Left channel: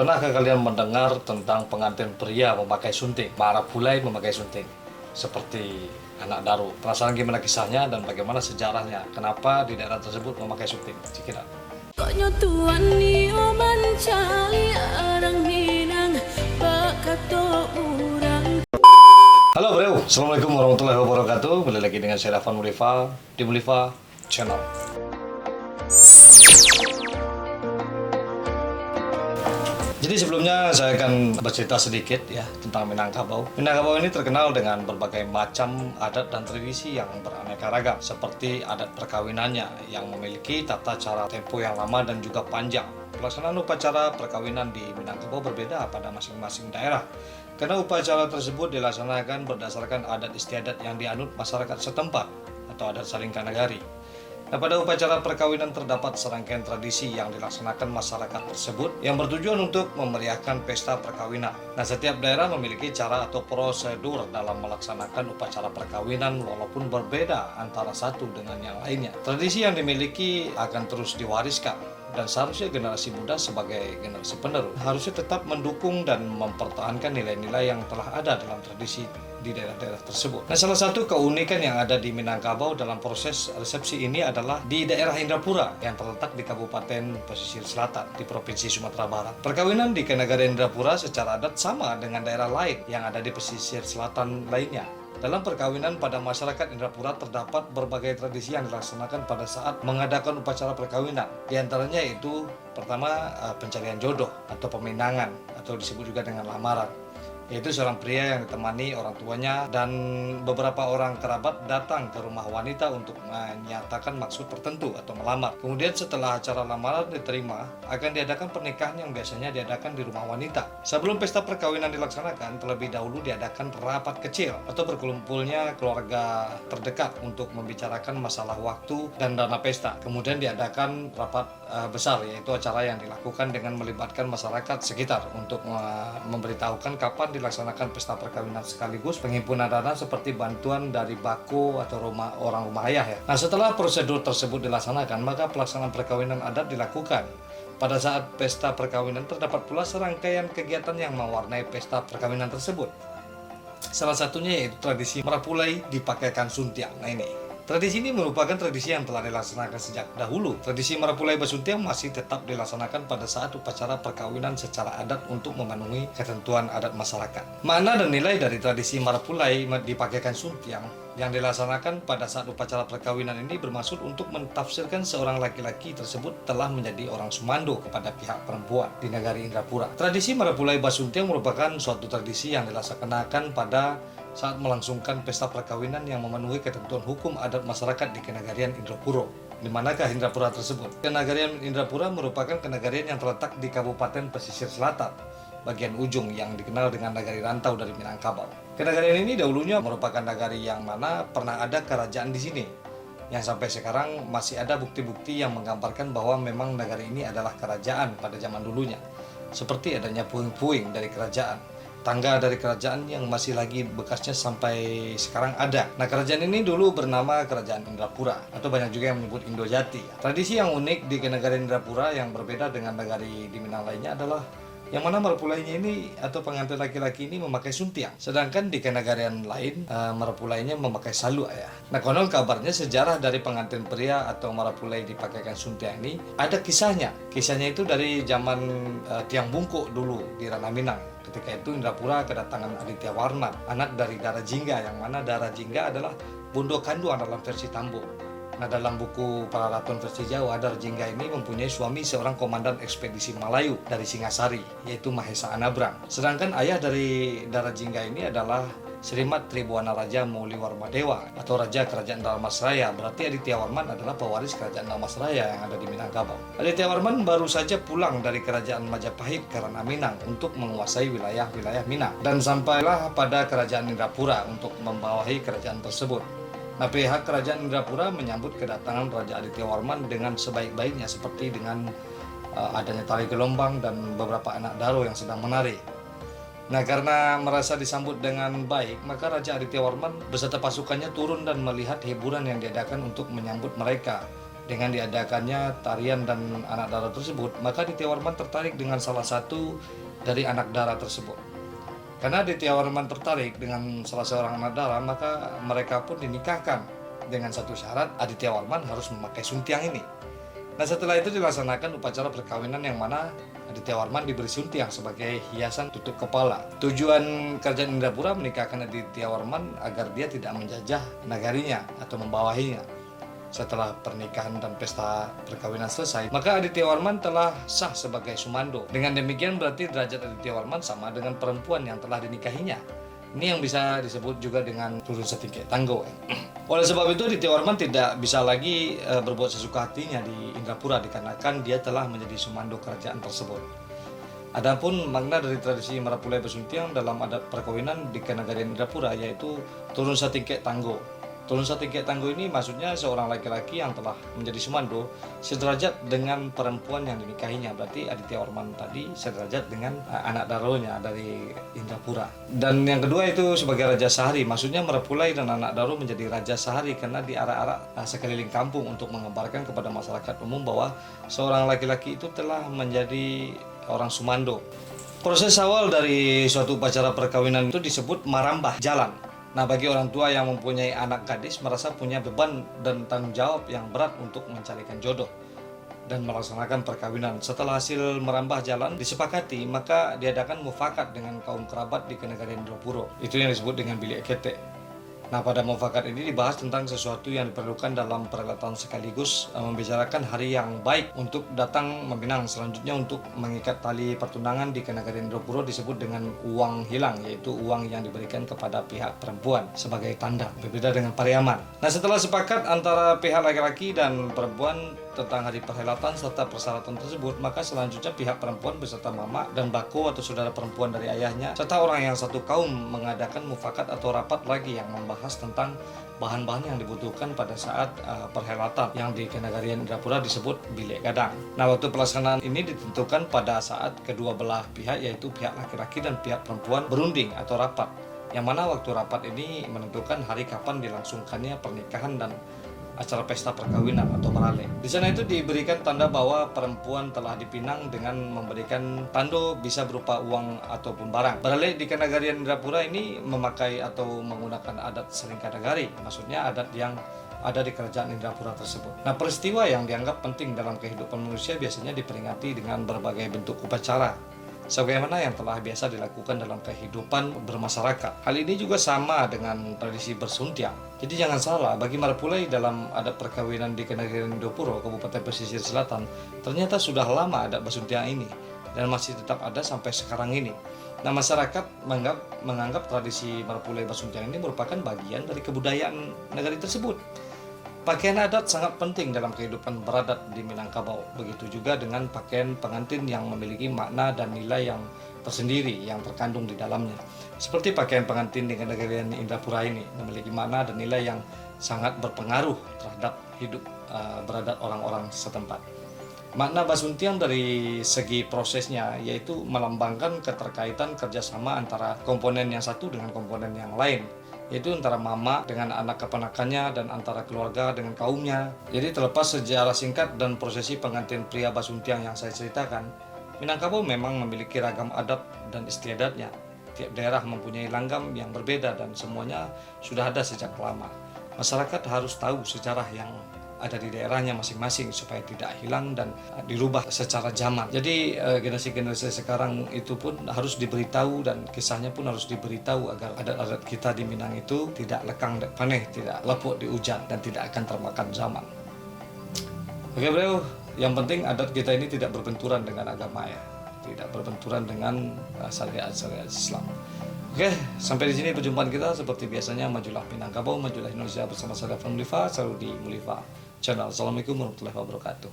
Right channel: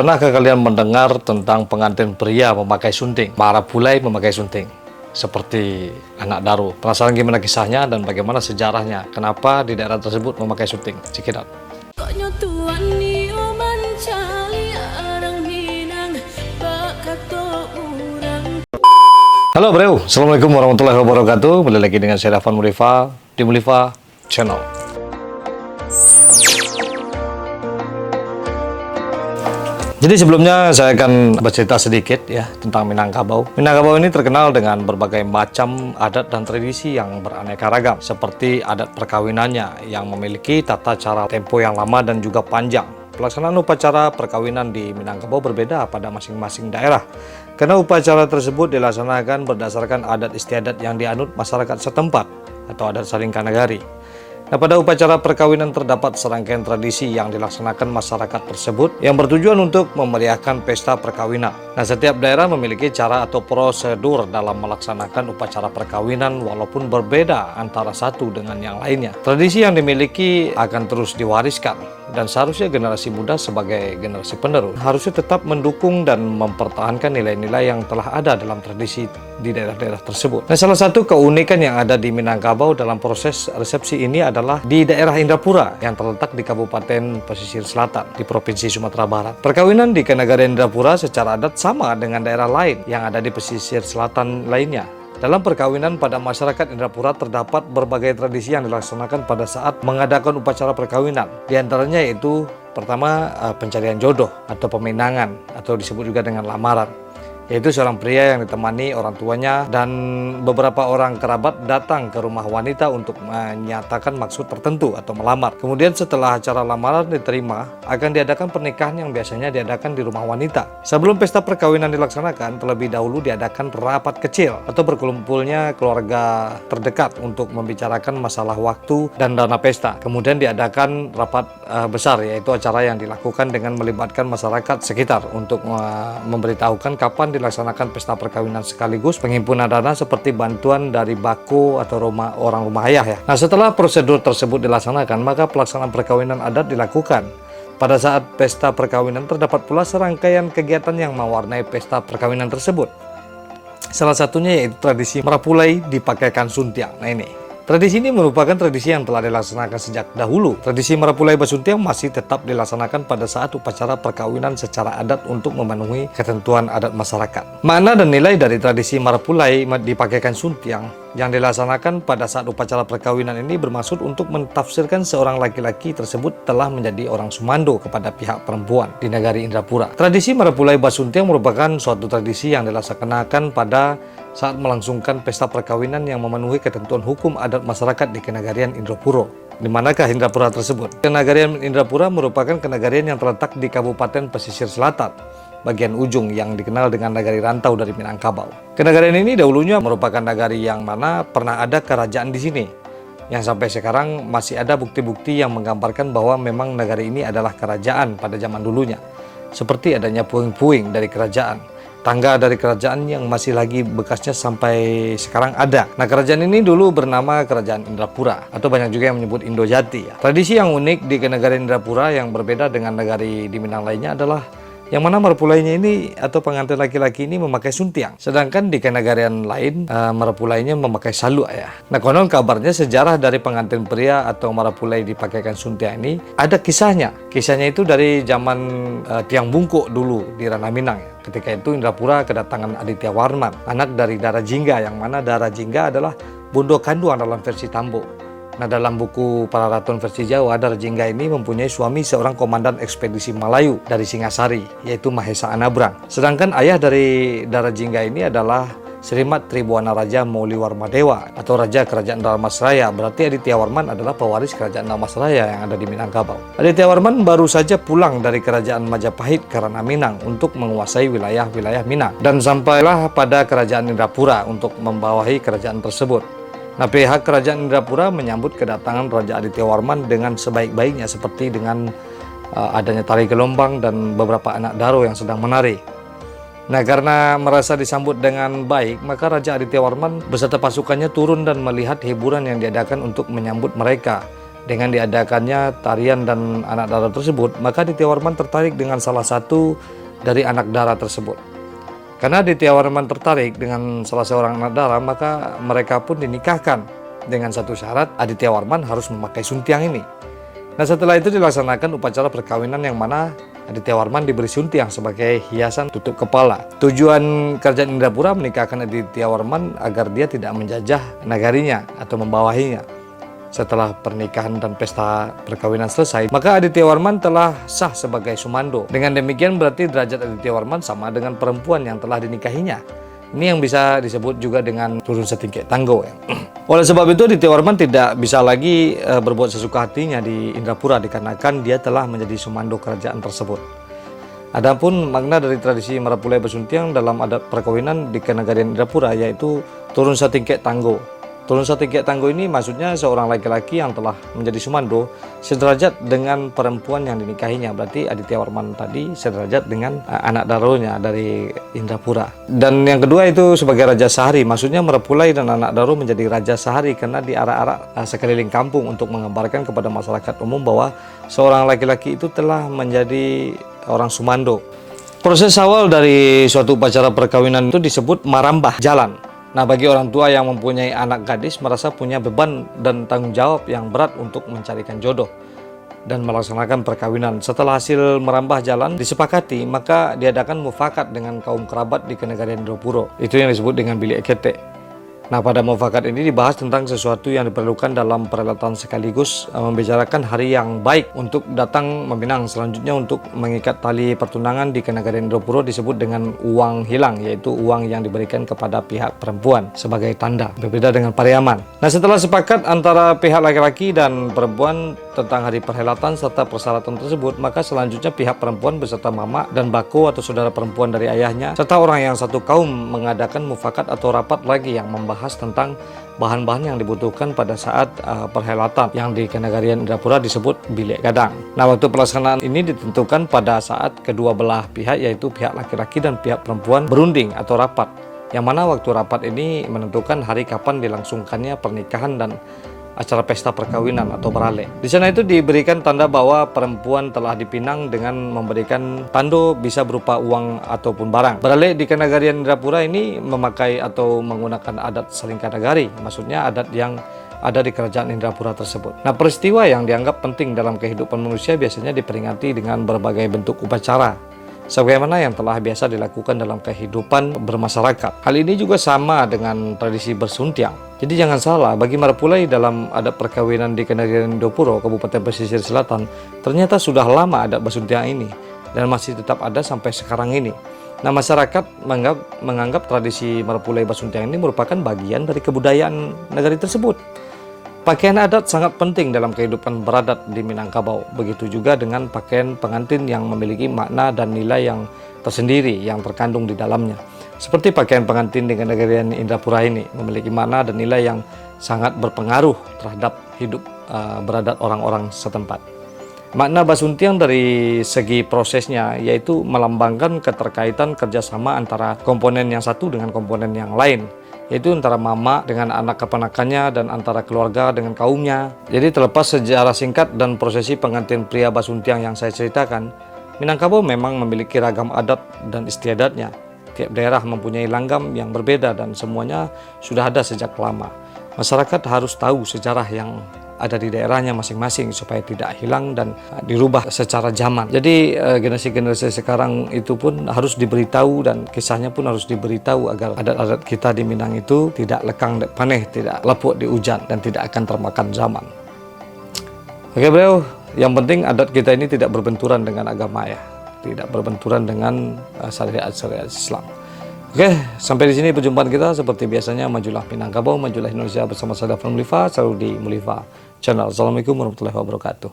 Pernahkah kalian mendengar tentang pengantin pria memakai sunting, marapulai memakai sunting? Seperti anak Daru. Penasaran gimana kisahnya dan bagaimana sejarahnya? Kenapa di daerah tersebut memakai sunting? Check it out. Halo bro, Assalamualaikum warahmatullahi wabarakatuh. Kembali lagi dengan saya Dafan Mulifa di Mulifa Channel. Jadi sebelumnya saya akan bercerita sedikit ya tentang Minangkabau. Minangkabau ini terkenal dengan berbagai macam adat dan tradisi yang beraneka ragam, seperti adat perkawinannya yang memiliki tata cara tempo yang lama dan juga panjang. Pelaksanaan upacara perkawinan di Minangkabau berbeda pada masing-masing daerah, karena upacara tersebut dilaksanakan berdasarkan adat istiadat yang dianut masyarakat setempat atau adat Saringkanagari. Nah, pada upacara perkawinan terdapat serangkaian tradisi yang dilaksanakan masyarakat tersebut yang bertujuan untuk memeriahkan pesta perkawinan. Nah, setiap daerah memiliki cara atau prosedur dalam melaksanakan upacara perkawinan walaupun berbeda antara satu dengan yang lainnya. Tradisi yang dimiliki akan terus diwariskan dan seharusnya generasi muda sebagai generasi penerus harusnya tetap mendukung dan mempertahankan nilai-nilai yang telah ada dalam tradisi di daerah-daerah tersebut. Nah, salah satu keunikan yang ada di Minangkabau dalam proses resepsi ini adalah di daerah Indrapura yang terletak di Kabupaten Pesisir Selatan di Provinsi Sumatera Barat. Perkawinan di Kenagaran Indrapura secara adat sama dengan daerah lain yang ada di pesisir selatan lainnya. Dalam perkawinan pada masyarakat Indrapura terdapat berbagai tradisi yang dilaksanakan pada saat mengadakan upacara perkawinan. Di antaranya yaitu pertama pencarian jodoh atau peminangan atau disebut juga dengan lamaran, yaitu seorang pria yang ditemani orang tuanya dan beberapa orang kerabat datang ke rumah wanita untuk menyatakan maksud tertentu atau melamar. Kemudian setelah acara lamaran diterima, akan diadakan pernikahan yang biasanya diadakan di rumah wanita. Sebelum pesta perkawinan dilaksanakan, terlebih dahulu diadakan rapat kecil atau berkumpulnya keluarga terdekat untuk membicarakan masalah waktu dan dana pesta. Kemudian diadakan rapat besar, yaitu acara yang dilakukan dengan melibatkan masyarakat sekitar untuk memberitahukan kapan dilaksanakan pesta perkawinan sekaligus penghimpunan dana seperti bantuan dari bako atau orang rumah ayah ya. Nah, setelah prosedur tersebut dilaksanakan, maka pelaksanaan perkawinan adat dilakukan. Pada saat pesta perkawinan terdapat pula serangkaian kegiatan yang mewarnai pesta perkawinan tersebut. Salah satunya yaitu tradisi merapulai dipakaikan suntiang. Nah, ini tradisi ini merupakan tradisi yang telah dilaksanakan sejak dahulu. Tradisi merapulai basuntiang masih tetap dilaksanakan pada saat upacara perkawinan secara adat untuk memenuhi ketentuan adat masyarakat. Makna dan nilai dari tradisi merapulai dipakaikan suntiang yang dilaksanakan pada saat upacara perkawinan ini bermaksud untuk mentafsirkan seorang laki-laki tersebut telah menjadi orang sumando kepada pihak perempuan di negari Indrapura. Tradisi merapulai basuntiang merupakan suatu tradisi yang dilaksanakan pada saat melangsungkan pesta perkawinan yang memenuhi ketentuan hukum adat masyarakat di Kenagarian Indrapura. Di manakah Indrapura tersebut? Kenagarian Indrapura merupakan kenagarian yang terletak di Kabupaten Pesisir Selatan, bagian ujung yang dikenal dengan nagari rantau dari Minangkabau. Kenagarian ini dahulunya merupakan nagari yang mana pernah ada kerajaan di sini, yang sampai sekarang masih ada bukti-bukti yang menggambarkan bahwa memang nagari ini adalah kerajaan pada zaman dulunya, seperti adanya puing-puing dari kerajaan, tangga dari kerajaan yang masih lagi bekasnya sampai sekarang ada. Nah, kerajaan ini dulu bernama Kerajaan Indrapura atau banyak juga yang menyebut Indojati ya. Tradisi yang unik di Kenagarian Indrapura yang berbeda dengan negari di Minang lainnya adalah yang mana merapulainya ini atau pengantin laki-laki ini memakai suntiang, sedangkan di Kenagarian lain merapulainya memakai saluk ya. Nah, konon kabarnya sejarah dari pengantin pria atau marapulai dipakaikan suntiang ini ada kisahnya. Kisahnya itu dari zaman Tiang Bungkuk dulu di Ranah Minang ya. Ketika itu Indrapura kedatangan Aditya Warman, anak dari Dara Jingga, yang mana Dara Jingga adalah bondo kanduang dalam versi Tambo. Nah, dalam buku Para Ratun versi Jawa, Dara Jingga ini mempunyai suami seorang komandan ekspedisi Melayu dari Singasari, yaitu Mahesa Anabrang. Sedangkan ayah dari Dara Jingga ini adalah Srimat Tribuana Raja Mauliwarmadewa atau Raja Kerajaan Dalmasraya. Berarti Aditya Warman adalah pewaris Kerajaan Dalmasraya yang ada di Minangkabau. Aditya Warman baru saja pulang dari Kerajaan Majapahit ke Ranah Minang untuk menguasai wilayah-wilayah Minang, dan sampailah pada Kerajaan Indrapura untuk membawahi kerajaan tersebut. Nah, pihak Kerajaan Indrapura menyambut kedatangan Raja Aditya Warman dengan sebaik-baiknya, seperti dengan adanya tari gelombang dan beberapa anak daro yang sedang menari. Nah, karena merasa disambut dengan baik, maka Raja Aditya Warman beserta pasukannya turun dan melihat hiburan yang diadakan untuk menyambut mereka Dengan diadakannya tarian dan anak dara tersebut, maka Aditya Warman tertarik dengan salah satu dari anak dara tersebut. Karena Aditya Warman tertarik dengan salah seorang anak dara, maka mereka pun dinikahkan dengan satu syarat, Aditya Warman harus memakai suntiang ini. Nah, setelah itu dilaksanakan upacara perkawinan yang mana Aditya Warman diberi suntiang sebagai hiasan tutup kepala. Tujuan kerajaan Indrapura menikahkan Aditya Warman agar dia tidak menjajah nagarinya atau membawahinya. Setelah pernikahan dan pesta perkawinan selesai, maka Aditya Warman telah sah sebagai sumando. Dengan demikian berarti derajat Aditya Warman sama dengan perempuan yang telah dinikahinya. Ini yang bisa disebut juga dengan turun setingkat tanggo. Oleh sebab itu Aditya Warman tidak bisa lagi berbuat sesuka hatinya di Indrapura dikarenakan dia telah menjadi sumando kerajaan tersebut. Adapun makna dari tradisi Marapulai Basuntiang dalam adat perkawinan di kenegarian Indrapura yaitu turun setingkat tanggo. Turun setingkat tanggo ini maksudnya seorang laki-laki yang telah menjadi sumando sederajat dengan perempuan yang dinikahinya. Berarti Aditya Warman tadi sederajat dengan anak daronya dari Indrapura. Dan yang kedua itu sebagai Raja Sehari. Maksudnya Marapulai dan anak daro menjadi Raja Sehari karena diarak-arak sekeliling kampung untuk mengabarkan kepada masyarakat umum bahwa seorang laki-laki itu telah menjadi orang sumando. Proses awal dari suatu upacara perkawinan itu disebut marambah jalan. Nah, bagi orang tua yang mempunyai anak gadis merasa punya beban dan tanggung jawab yang berat untuk mencarikan jodoh dan melaksanakan perkawinan. Setelah hasil merambah jalan disepakati, maka diadakan mufakat dengan kaum kerabat di kenegarian Indrapura. Itu yang disebut dengan bilik ekete. Nah, pada mufakat ini dibahas tentang sesuatu yang diperlukan dalam perhelatan sekaligus membicarakan hari yang baik untuk datang meminang. Selanjutnya untuk mengikat tali pertunangan di kenegarian Indrapura disebut dengan uang hilang, yaitu uang yang diberikan kepada pihak perempuan sebagai tanda, berbeda dengan pariaman. Nah, setelah sepakat antara pihak laki-laki dan perempuan tentang hari perhelatan serta persyaratan tersebut, maka selanjutnya pihak perempuan beserta mama dan bako atau saudara perempuan dari ayahnya serta orang yang satu kaum mengadakan mufakat atau rapat lagi yang membahas tentang bahan-bahan yang dibutuhkan pada saat perhelatan yang di kenegarian Indrapura disebut bilik gadang. Nah, waktu pelaksanaan ini ditentukan pada saat kedua belah pihak yaitu pihak laki-laki dan pihak perempuan berunding atau rapat. Yang mana waktu rapat ini menentukan hari kapan dilangsungkannya pernikahan dan acara pesta perkawinan atau berale. Di sana itu diberikan tanda bahwa perempuan telah dipinang dengan memberikan tando bisa berupa uang ataupun barang. Berale di kenegarian Indrapura ini memakai atau menggunakan adat Salingkanagari, maksudnya adat yang ada di kerajaan Indrapura tersebut. Nah, peristiwa yang dianggap penting dalam kehidupan manusia biasanya diperingati dengan berbagai bentuk upacara, sebagaimana yang telah biasa dilakukan dalam kehidupan bermasyarakat. Hal ini juga sama dengan tradisi bersuntiang. Jadi jangan salah, bagi Marapulai dalam adat perkawinan di kenegarian Indrapura, Kabupaten Pesisir Selatan, ternyata sudah lama adat bersuntiang ini dan masih tetap ada sampai sekarang ini. Nah, masyarakat menganggap tradisi Marapulai bersuntiang ini merupakan bagian dari kebudayaan negari tersebut. Pakaian adat sangat penting dalam kehidupan beradat di Minangkabau. Begitu juga dengan pakaian pengantin yang memiliki makna dan nilai yang tersendiri yang terkandung di dalamnya. Seperti pakaian pengantin di kenegarian Indrapura ini memiliki makna dan nilai yang sangat berpengaruh terhadap hidup beradat orang-orang setempat. Makna basuntiang dari segi prosesnya yaitu melambangkan keterkaitan kerjasama antara komponen yang satu dengan komponen yang lain, yaitu antara mama dengan anak keponakannya dan antara keluarga dengan kaumnya. Jadi terlepas sejarah singkat dan prosesi pengantin pria basuntiang yang saya ceritakan, Minangkabau memang memiliki ragam adat dan istiadatnya. Tiap daerah mempunyai langgam yang berbeda dan semuanya sudah ada sejak lama. Masyarakat harus tahu sejarah yang ada di daerahnya masing-masing supaya tidak hilang dan dirubah secara zaman. Jadi generasi-generasi sekarang itu pun harus diberitahu dan kisahnya pun harus diberitahu agar adat-adat kita di Minang itu tidak lekang dan paneh, tidak lepuk di hujan dan tidak akan termakan zaman. Oke bro, yang penting adat kita ini tidak berbenturan dengan agama ya, tidak berbenturan dengan syariat-syariat Islam. Oke, sampai di sini perjumpaan kita. Seperti biasanya, majulah Minangkabau, majulah Indonesia bersama saya Dafran Mulifa, selalu di Mulifa Channel. Assalamualaikum warahmatullahi wabarakatuh.